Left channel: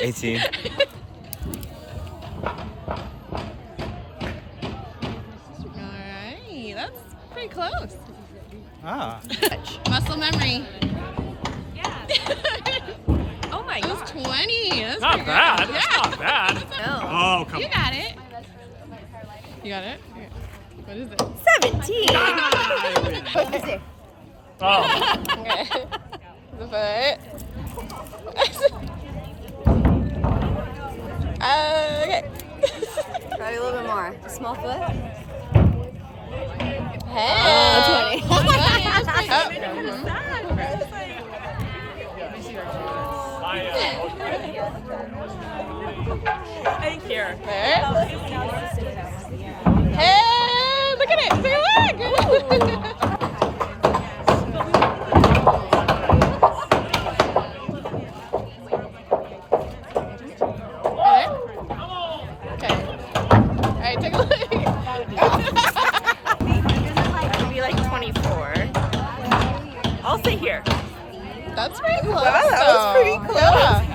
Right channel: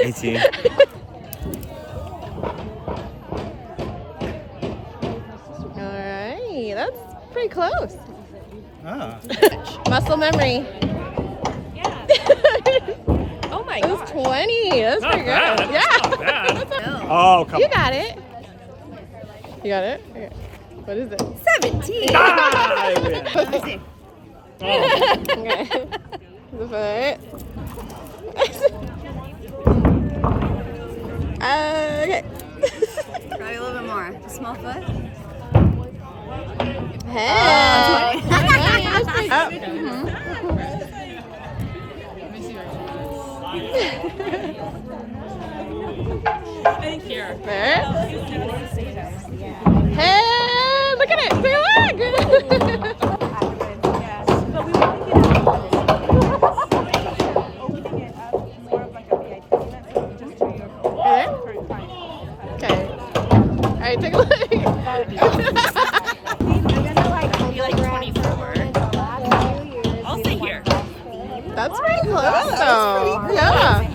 $18. Alright, that's pretty close. Ah. Muscle memory. Oh my It was gosh. 20. That's Not pretty bad. good. That's not bad. No. Oh, come You on. got it. You got it? Okay. What is it? 17. Let me see. Oh. Okay. Okay. Try a little bit more. Small foot. Hey. Oh, 20. I didn't care. Hey, look at it. Say look. Alright, take a look. Be like 24. I'll stay here. That's pretty close. That was pretty close. Yeah.